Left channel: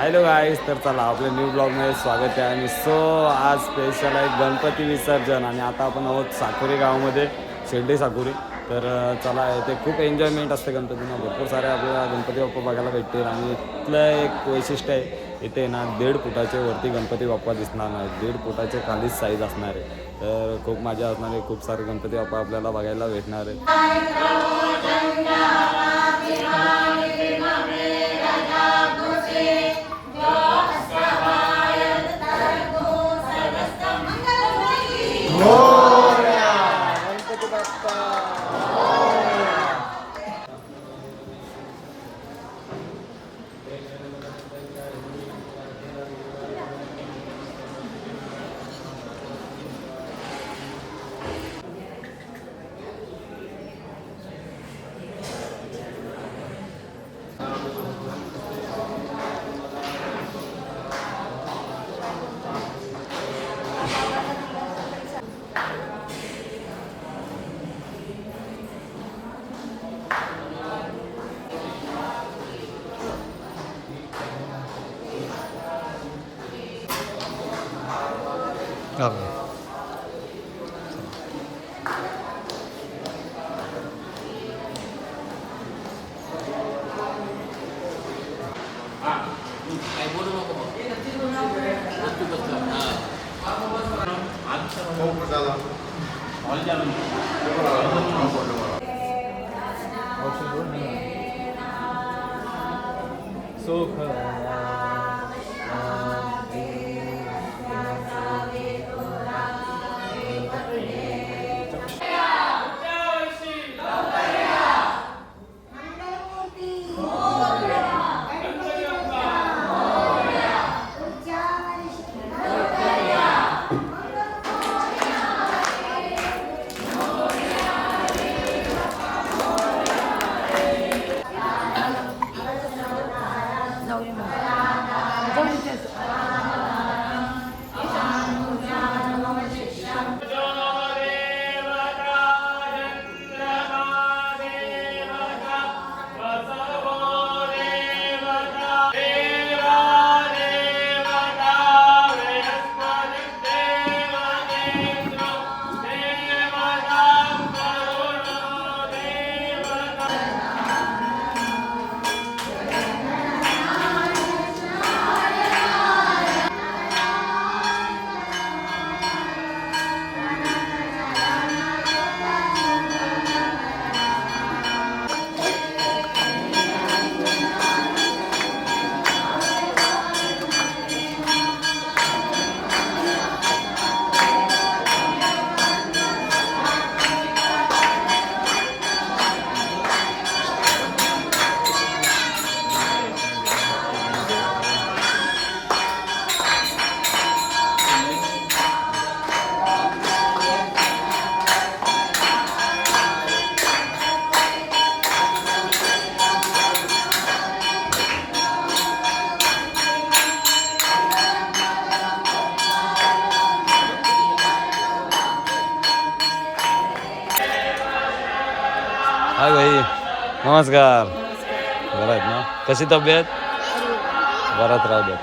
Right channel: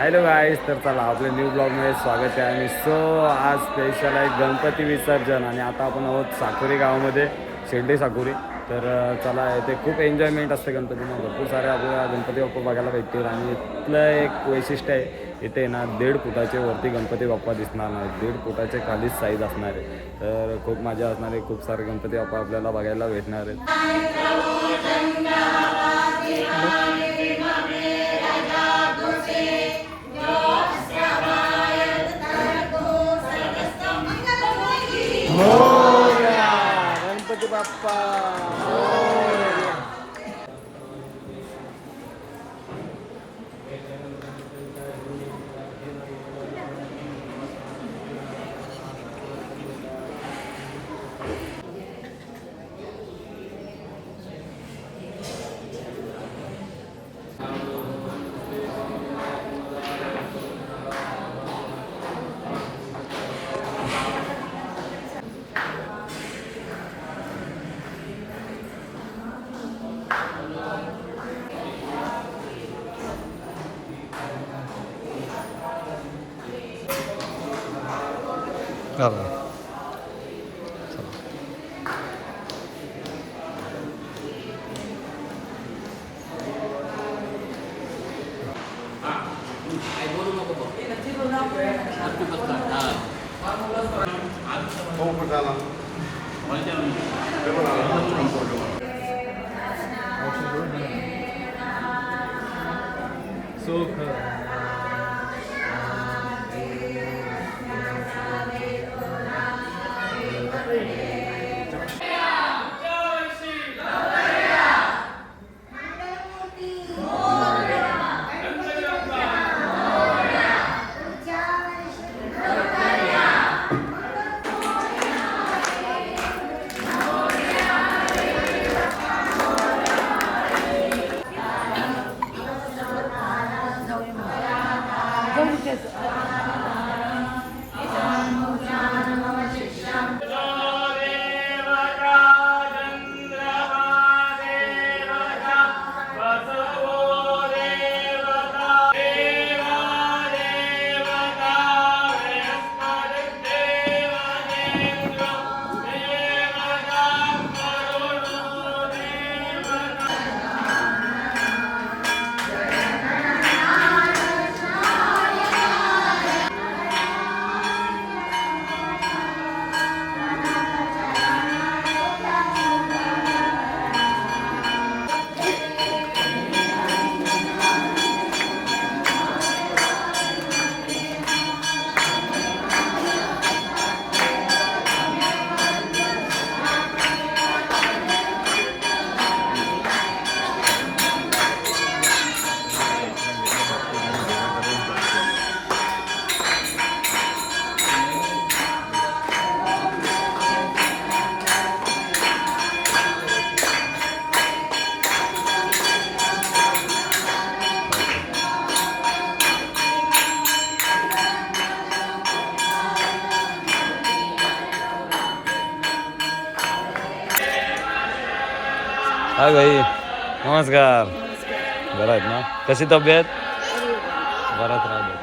Hello गाईस तर चला आपल्या न्यू ब्लॉगमध्ये स्वागत आहे. आणि सो आज स्पेशल आहे गणपती विसर्जन. आणि आता आपण आहोत साकुरी गावामध्ये शेंडे साकुरी. तर चला ते खूप एन्जॉयमेंट असते गणपतीनं भरपूर सारे आपल्याला गणपती बाप्पा बघायला भेटतील. आणि इथलं एक वैशिष्ट्य आहे इथे ना दीड फुटाचे वरती गणपती बाप्पा दिसणार नाही दीड फुटाचे खालीच साईज असणार आहे. तर खूप मजा असणार आहे. खूप सारे गणपती बाप्पा आपल्याला बघायला भेटणार आहेत. 오. Bravo. So good. Come with us. हाय भाई नमस्कार. बरं आहेत ना? कशी तब्येत? बराच राहू द्या.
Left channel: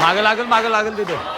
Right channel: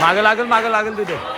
मागं लागेल मागं लागेल तिथे.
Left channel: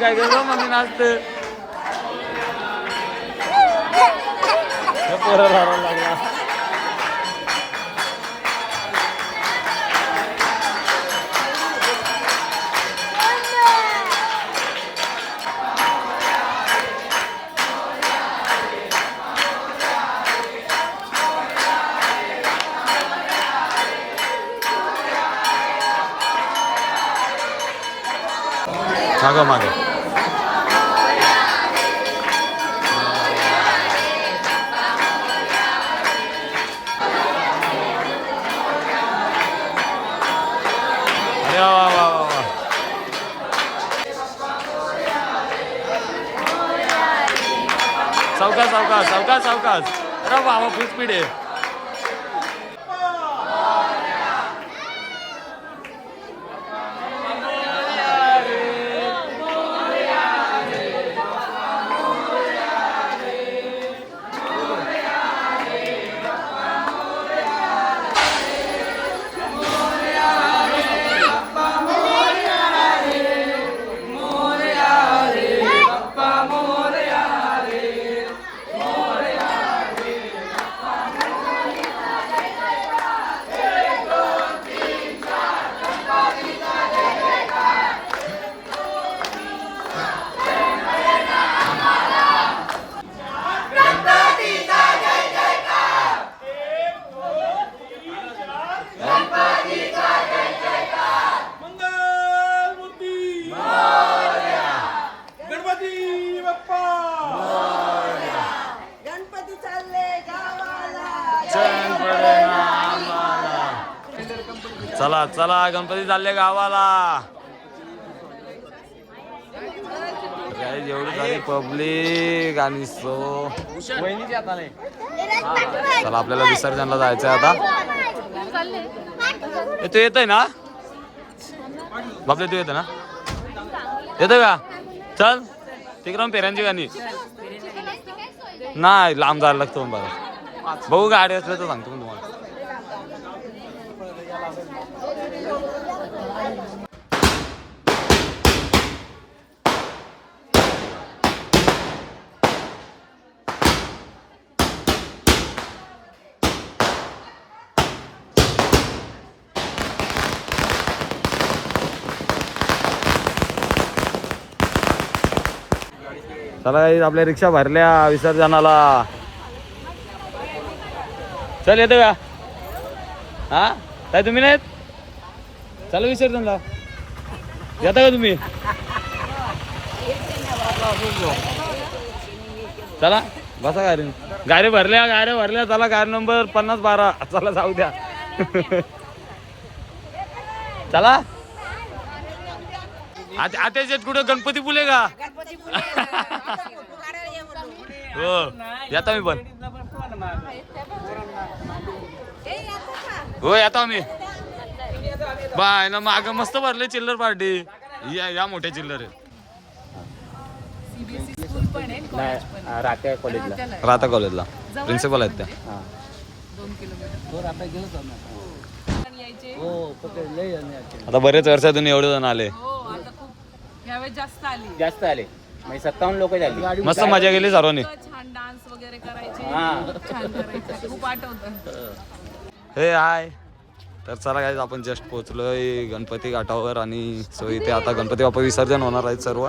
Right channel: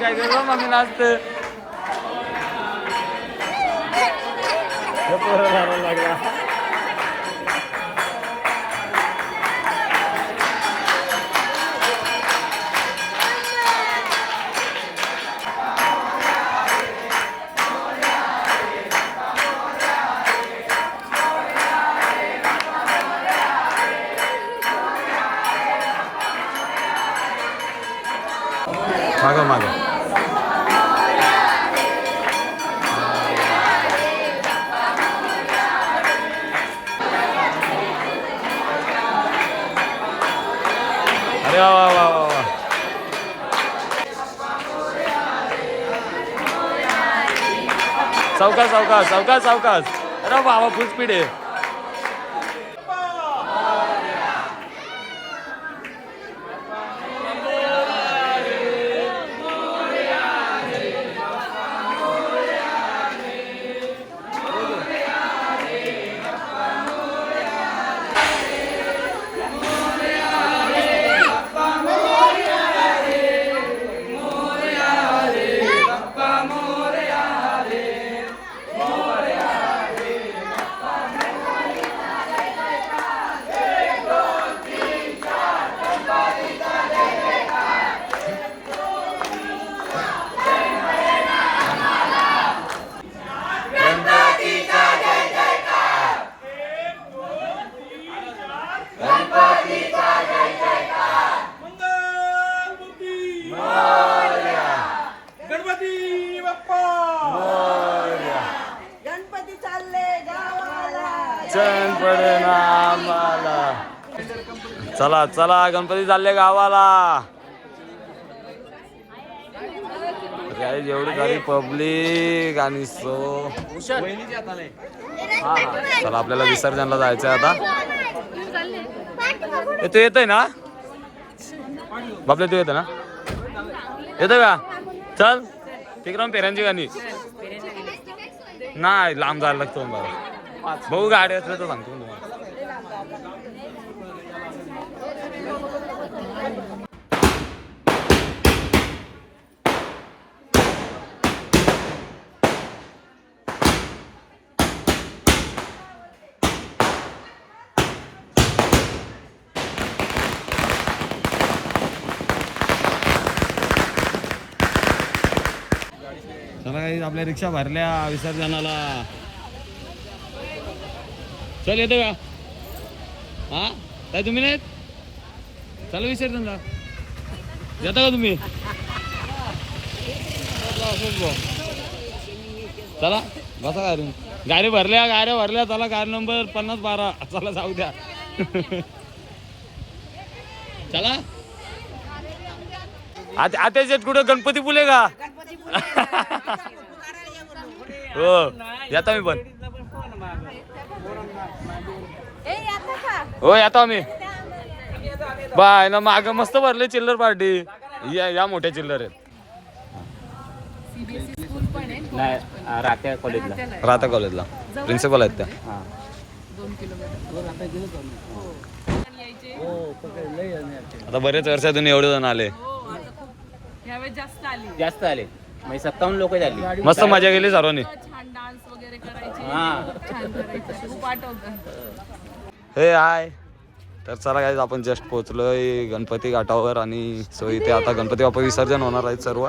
हो मम्मी काय करतो मम्मी नाचते हे पोरं लावायला लागला मागं मागं अरे वा वा वा वा वा. चौकास चौकास चौकास चौकास अरे बाबा फुल स्पीड आहे. चला गणपती चालले गावाला. एवढी झाली पब्लिक आणि सो. चला आपल्याला विसर्जनला जायचं आता. ए, तू येतोय ना? बापले तू येतो ना? येतोय का? चल तिकडे पेरांची गाणी. नाही लांब जायला लागतो बरं बघू गाडी असलं तर सांगतो मी तुम्हाला चला आपल्या रिक्षा भरल्या विसर्जनाला. चल येतो का? हा? काय तुम्ही नाहीत? चला विसर्जनला. येता का तुम्ही? चला बसा गाडी. गाडी भरल्या गाड्या भरल्या चला गाडी नंबर पन्नास बारा. चला जाऊ द्या. चला. आता आत्याच्यात कुठं? गणपती फुले का? हो. येता मी पण. हो येतो आम्ही बाय ना माग मस्त भरले चिल्लर पार्टी. या या मोठ्या चिल्लर आहेत. राहता कॉलेजला प्रिन्सिपल आहेत त्या. आता बरेच वर्षातून एवढे जण आले. हो आता खूप यावेळेस जास्त आली. जास्त आले. म्हणजे सत्तावन्न लोक झाली. मस्त मजा केली सर्वांनी. छान डान्स वगैरे करायचे. खूप छान करायचे. खूप आठवत. हे हाय. तर चला काय आपण जस्ट पोहोचलोय गणपती घाटावर आणि सो इथे आता गणपती बाप्पा विसर्जन होणार आहेत सर्व.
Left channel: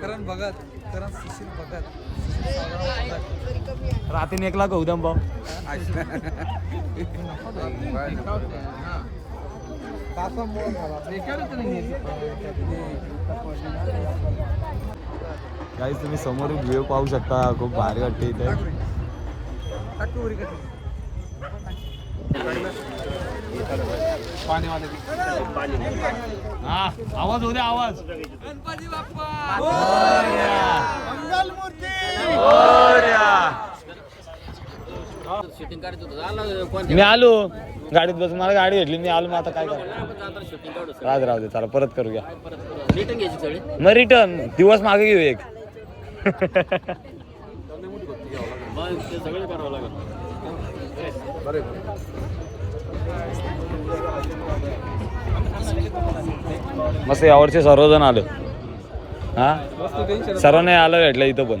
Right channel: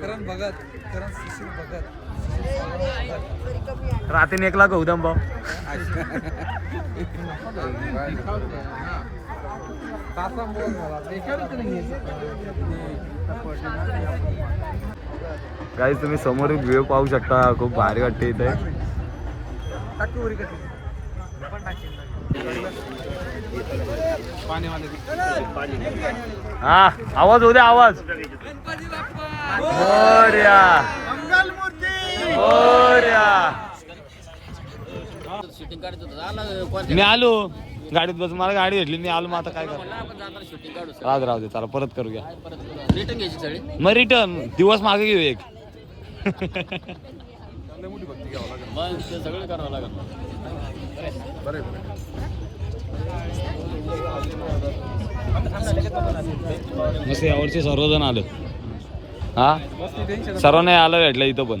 करण भगत करण सुशील भगत सुशील भगत. एकला गौतम भाऊ. काही तुम्ही समोर व्ह्यू पाहू शकता. खूप भारी वाटते इथे. हा आवाज होऊ द्या आवाज. मोरया मोरया मी आलो. गाडीत बस मला गाडी भेटली मी आलो मग आता काय कर राज राहू दे चला परत करूया. मग रिटर्न दिवस मागे घेऊ एक. मस्त यावरचे सर्वजण आलं. हा? सर्वांना आलं भेटलं इथं पण.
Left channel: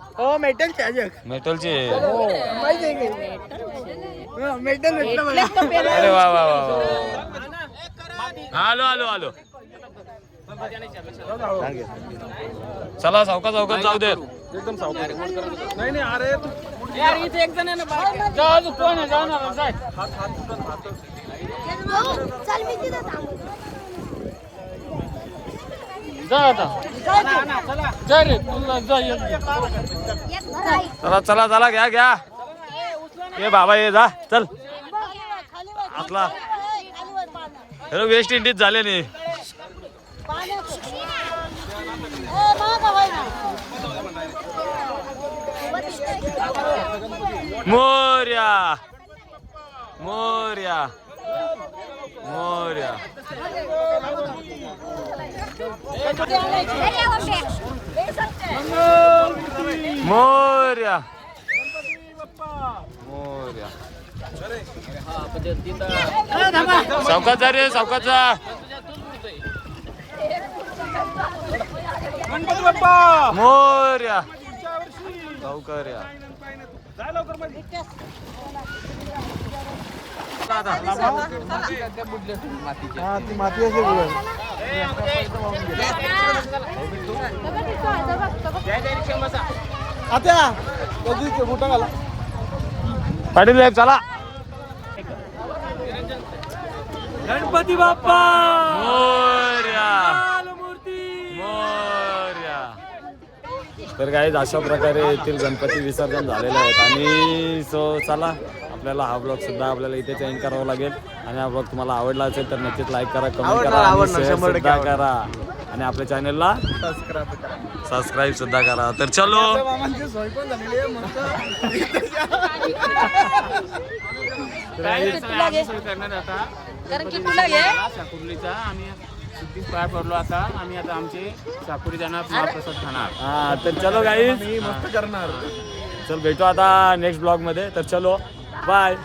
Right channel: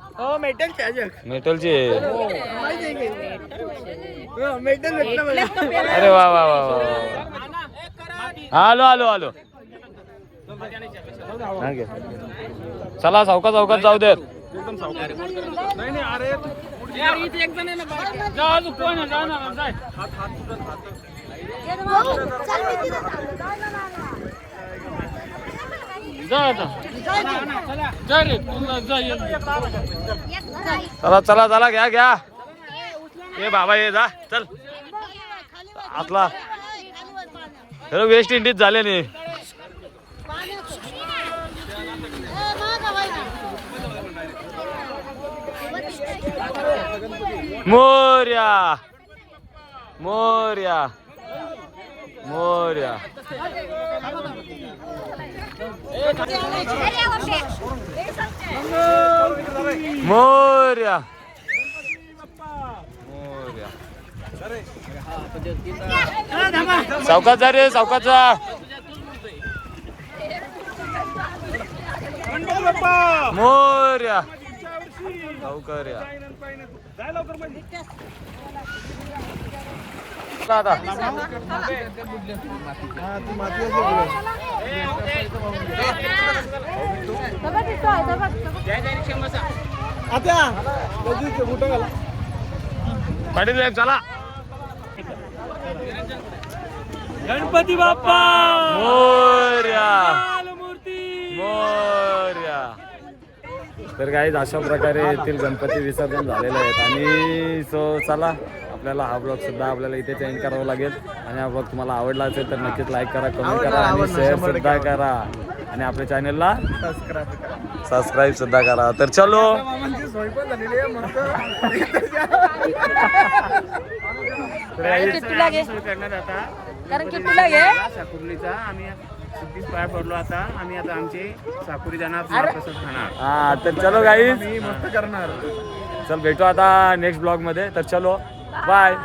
हो मेटल चार्जर मेटलचे माहिती आहे की? मेटल भेटलं मला. अरे वा वा वा वा वा. वा. आलो आलो आलो चला चौका चौकात जाऊ देत. नाही नाही अरे चल मी तिथं थांबतो. चला चला चला घ्या घ्या. ये बाबा ये जा चल. आपला हॅलो वेस्ट इंडिज झाले नाही मोर्या. मोर्या. मोर्या. मोर्या. मोर्या सावकाश जा रे सावकाश जा. मोर्या. सावकार्या पाटील साहेब चला. गणपती बाप्पा! मोर्या. मूर्ती! मोर्या. तर काही अशा प्रकारे येथील गणपती विसर्जन झालेले आहेत आणि सो चला आपल्याला हा ब्लॉग सुद्धा आपल्याला इथे चेंज करावा लागेल. आणि हा ब्लॉग तुम्हाला आवडला असेल तर नक्कीच लाईक करा कमेंट करा आणि शेअर सुद्धा करा. आणि आपल्या चॅनलला सबस्क्राईब करा. सबस्क्राईब सुद्धा करा. तर चलो. आहे तर आम्ही सुट्टीच पाय पडलो आता. आम्ही आता आमचे साकुरी जाणार महाप्रसाद खाणार. हा तर चलो मी मस्त करणार. चल भेटू आता नेक्स्ट ब्लॉगमध्ये. तर चलो बाय